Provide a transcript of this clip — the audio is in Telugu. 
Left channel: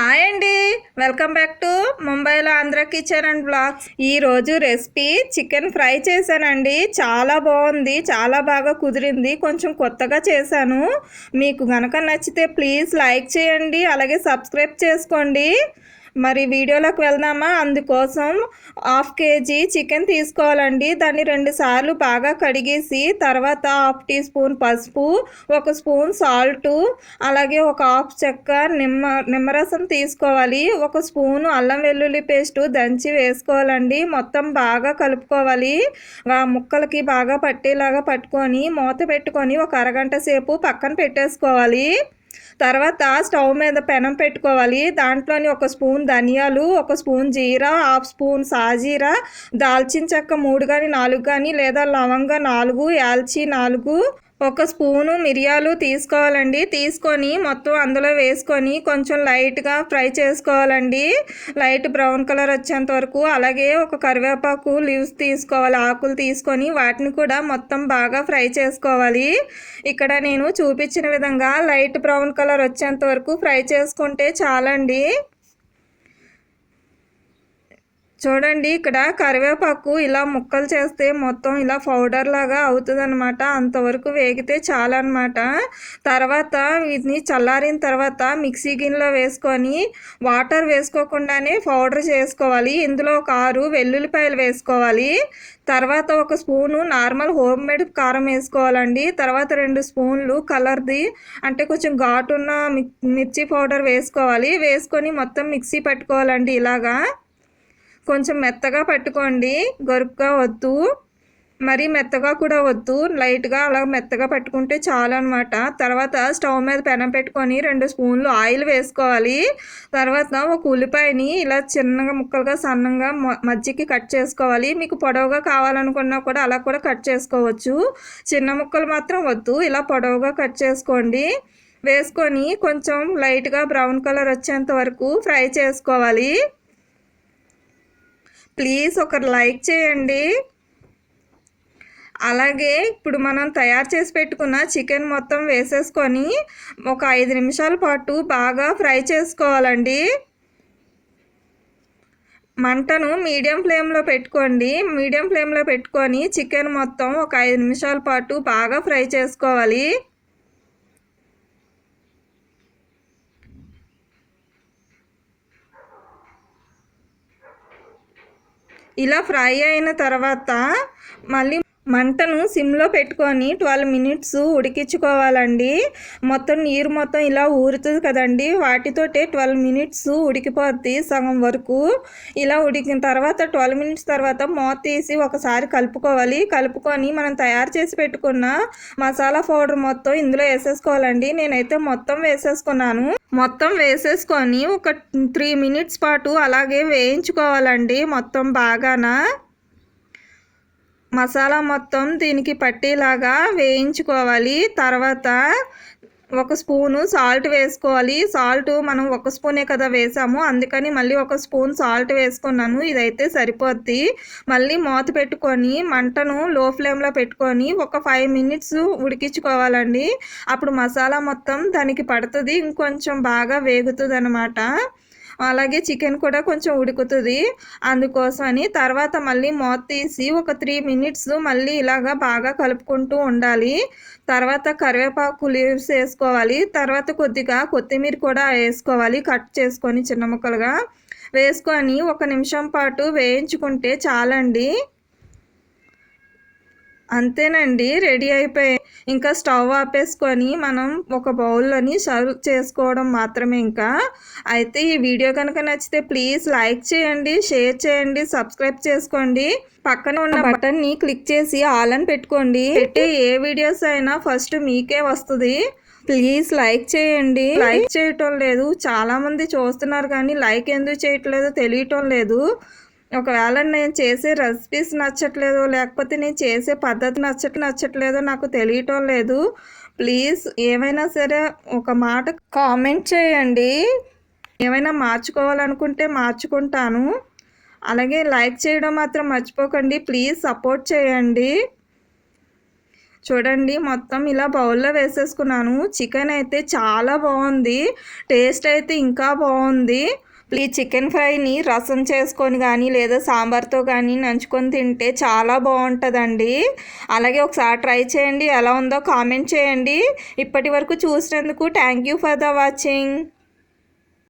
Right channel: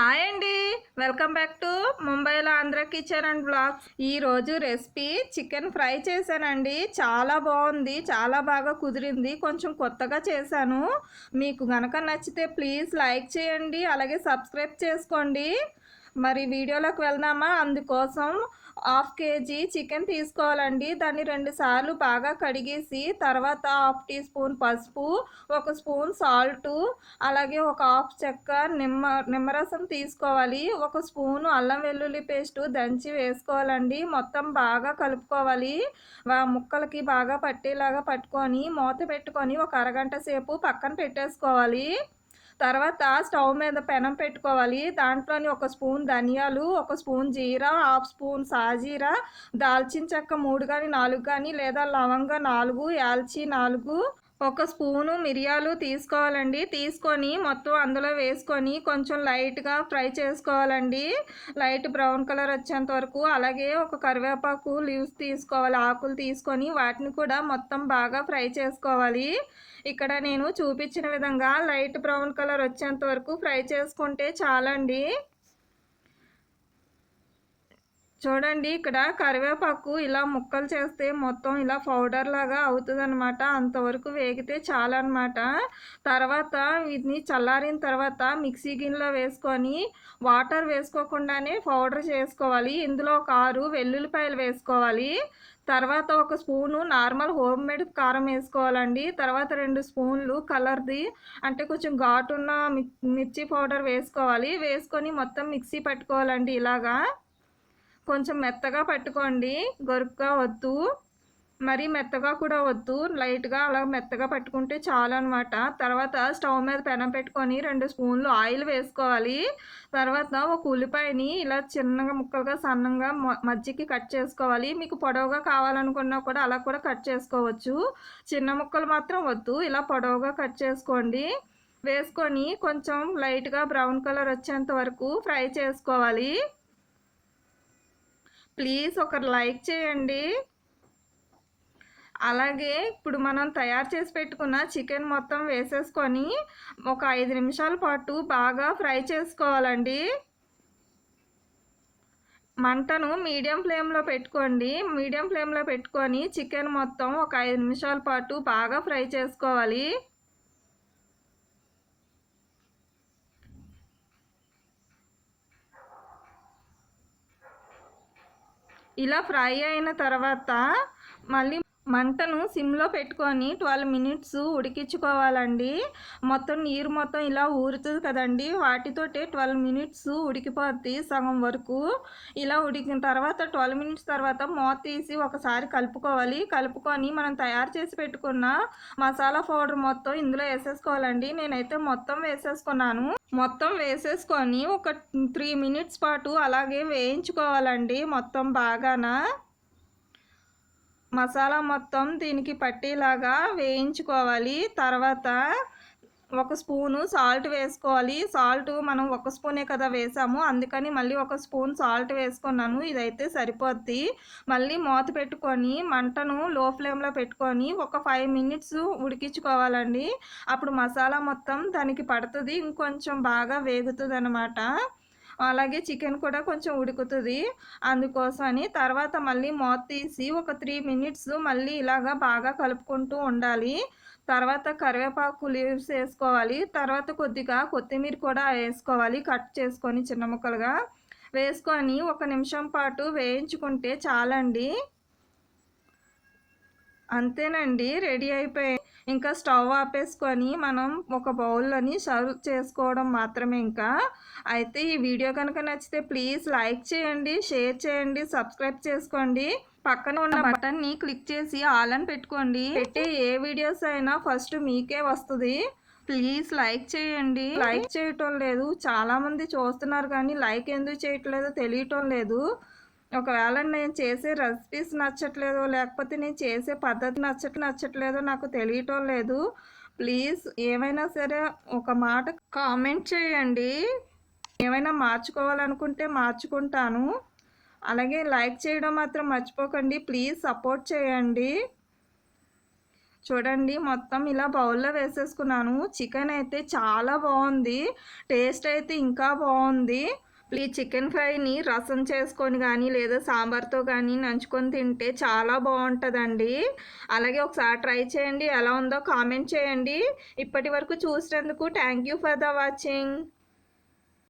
హాయ్ అండి, వెల్కమ్ బ్యాక్ టు ముంబైలో ఆంధ్ర కిచెన్ అండ్ బ్లాగ్స్. ఈరోజు రెసిపీ చికెన్ ఫ్రై చేశానండి. చాలా బాగుంది, చాలా బాగా కుదిరింది. కొంచెం కొత్తగా చేశాను. మీకు గనక నచ్చితే ప్లీజ్ లైక్ చేయండి, అలాగే సబ్స్క్రైబ్ చేసుకోండి. మరి వీడియోలోకి వెళ్దామా? అందుకోసం 1/2 kg చికెన్ తీసుకోవాలండి. దాన్ని 2 సార్లు బాగా కడిగేసి తర్వాత 1/2 టీ స్పూన్ పసుపు, 1 స్పూన్ సాల్టు, అలాగే ఒక 1/2 చెక్క నిమ్మరసం తీసుకోవాలి. 1 స్పూను అల్లం వెల్లుల్లి పేస్టు దంచి వేసుకోవాలండి. మొత్తం బాగా కలుపుకోవాలి. ముక్కలకి బాగా పట్టేలాగా పట్టుకొని మూత పెట్టుకొని ఒక అరగంట సేపు పక్కన పెట్టేసుకోవాలి. తర్వాత స్టవ్ మీద పెనం పెట్టుకోవాలి. దాంట్లోని 1 స్పూన్ ధనియాలు, 1 స్పూన్ జీరా, 1/2 స్పూన్ సాజీరా, దాల్చిన చెక్క 3 కానీ 4 కానీ లేదా లవంగ 4, యాల్చి 4, 1 స్పూను మిరియాలు తీసుకోవాలండి. తీసుకొని మొత్తం అందులో వేసుకొని కొంచెం లైట్గా ఫ్రై చేసుకోవాలండి, లైట్ బ్రౌన్ కలర్ వచ్చేంత వరకు. అలాగే ఒక కరివేపాకు లీవ్స్ తీసుకోవాలి, ఆకులు తీసుకొని వాటిని కూడా మొత్తం బాగా ఫ్రై చేసుకోవాలి. ఇక్కడ నేను చూపించిన విధంగా లైట్ బ్రౌన్ కలర్ వచ్చేంత వరకు ఫ్రై చేసుకుంటే చాలండి. చూడండి, ఇక్కడ కరివేపాకు ఇలా ముక్కలు చేస్తే మొత్తం ఇలా పౌడర్ లాగా అవుతుంది అనమాట. అంతవరకు వేగితే చాలన్నమాట. తర్వాత వీటిని చల్లారిన తర్వాత మిక్సీ గిన్నెలో వేసుకొని వాటర్ వేసుకోకుండానే పౌడర్ చేసుకోవాలి. ఇందులో ఒక 6 వెల్లుల్లిపాయలు వేసుకోవాలి. తర్వాత 1 స్పూను నార్మల్ హోమ్ మేడ్ కారం వేసుకోవాలండి. తర్వాత 2 స్పూన్లు కలర్ది అంటే కొంచెం ఘాటున్న మిర్చి పౌడర్ వేసుకోవాలి. వేసుకొని మొత్తం మిక్సీ పట్టుకోవాలండి. ఇలాగా కొంచెం మెత్తగా పట్టుకోండి, గరుగ్గా వద్దు, మరీ మెత్తగా కూడా వద్దు, లైట్గా అలా మెత్తగా పట్టుకుంటే చాలు అనమాట. తర్వాత స్టవ్ మీద పెనం పెట్టుకొని 2 స్పూన్లు ఆయిల్ వేసుకోవాలి. తర్వాత 1 ఉల్లిపాయని ఇలా చిన్నగా ముక్కలుగా సన్నంగా మధ్యకి కట్ చేసుకోవాలి. మీకు పొడవుగా కావాలనుకున్నా కూడా అలా కూడా కట్ చేసుకోవచ్చు. చిన్న ముక్కలు మాత్రం వద్దు, ఇలా పొడవుగా కట్ చేసుకోండి. వేసుకొని కొంచెం లైట్గా బ్రౌన్ కలర్ వచ్చేంత వరకు ఫ్రై చేసుకోవాలి. ప్లీజ్ ఒక లైక్ చేయండి. అలాగే ఇప్పుడు మనం తయారు చేసి పెట్టుకున్న చికెన్ మొత్తం వేసేసుకొని ఒక 5 నిమిషాల పాటు బాగా ఫ్రై చేసుకోవాలండి. మంటను మీడియం ఫ్లేమ్లో పెట్టుకోండి. మీడియం ఫ్లేమ్లో పెట్టుకొని చికెన్ మొత్తం ఒక 5 నిమిషాల పాటు బాగా ఫ్రై చేసుకోవాలి. ఇలా ఫ్రై అయిన తర్వాత మళ్ళీ మంటను సిమ్లో పెట్టుకొని 12 మినిట్స్ ఉడికించుకోవాలండి. మొత్తం నీరు మొత్తం ఇలా ఊరుతుంది కదండి, వాటితోటే 12 మినిట్స్ ఉడికిపోద్ది సగం వరకు. ఇలా ఉడికిన తర్వాత 12 మినిట్స్ తర్వాత మూత తీసి ఒకసారి కలుపుకోవాలి. కలుపుకొని మనం తయారు చేసి పెట్టుకున్న మసాలా పౌడర్ మొత్తం ఇందులో వేసేసుకోవాలండి. నేనైతే మొత్తం వేసేసుకున్నాను. మొత్తం వేసేసుకొని ఒక 3 మినిట్స్ పాటు అలాగే వేయించుకోవాలండి. మొత్తం బాగానా మసాలా మొత్తం దీనికి పట్టేలాగా వేయించుకోవాలి. తర్వాత 1 స్పూను సాల్ట్ వేసుకోవాలి. సాల్ట్ మనం 1 స్పూనే కదా వేసాము, అందుకని మళ్ళీ 1 స్పూన్ సాల్ట్ వేసుకున్నాను. ఇదైతే సరిపోద్ది. మళ్ళీ మూత పెట్టుకొని మంటను లో ఫ్లేమ్లో పెట్టుకొని ఒక 5 మినిట్స్ ఉడికించుకోవాలండి. అప్పుడు మసాలా మొత్తం దానికి పడుతుంది, ఇంకొంచెం బాగా వేగుతుంది అన్నమాట. అలాగే చికెన్ కూడా కొంచెం ఉడుకుతుంది, అందుకోసమని. తర్వాత మళ్ళీ మూత తీసి ఒక 3 మినిట్స్ మళ్ళీ ఇలాగా బాగా కలుపుకుంటూ ఉండాలి. తర్వాత కరివేపాకు లీవ్స్ వేసుకోవాలి. తర్వాత కొద్దిగా కొత్తిమీర కూడా వేసుకోవాలి, కట్ చేసుకొని చిన్న ముక్కలుగా వేసుకొని 1 నిమిషం పాటు వేయించుకుంటే చాలండి. అంతేనండి, రెడీ అయిపోయి ఇంకా స్టవ్ ఆపేసుకొని మనం ఒక బౌల్లోని సర్వ్ చేసుకోవడం మాత్రమే. ఇంకా అయితే ఈ వీడియో కనుక నచ్చితే ప్లీజ్ లైక్ చేయండి, షేర్ చేయండి, సబ్స్క్రైబ్ చేసుకోండి. పక్కన ఉన్న బటన్ని క్లిక్ చేసి ఆల్ అని పెట్టుకోండి. పెట్టే ఏ వీడియోస్ అయినా ఫస్ట్ మీకే వస్తుంది. ప్లీజ్ లైక్ చేయండి. లైక్ చేయటం లేదు, చాలామంది చూస్తున్నారు కానీ లైక్ ఎందుకు చేయట్లేదో తెలియటం లేదు. ఒకవేళ నేను చేసే రెసిపీస్ నచ్చట్లేదో లేకపోతే నేను చేసే పద్ధతి నచ్చట్లేదో నాకు తెలియటం లేదు. ప్లీజ్ ఏమైనా సరే ఒక మాట కామెంట్ చేయండి. ఏమైనా మార్చుకోవాలనుకుంటే మార్చుకుంటాను. అలాగే లైక్ చేయడం మాత్రం మర్చిపోకండి. ప్లీజ్ సపోర్ట్ చేయండి. చూడండి మొత్తం ఇలా బౌల్లో వేసేసుకున్నాను. చికెన్ అయితే చాలా బాగుంది, టేస్ట్ అయితే ఇంకా బాగుంది. ఈ చికెన్ ఫ్రైని రసం చేసుకొని కానీ లేదా సాంబార్తో కానీ నంచుకొని తింటే చాలా బాగుంటుందండి. అలాగే ఒకసారి ట్రై చేయండి, ఎలా ఉందో కామెంట్ చేయండి. ఇప్పటి వరకు చూసినందుకు thank you for the watching.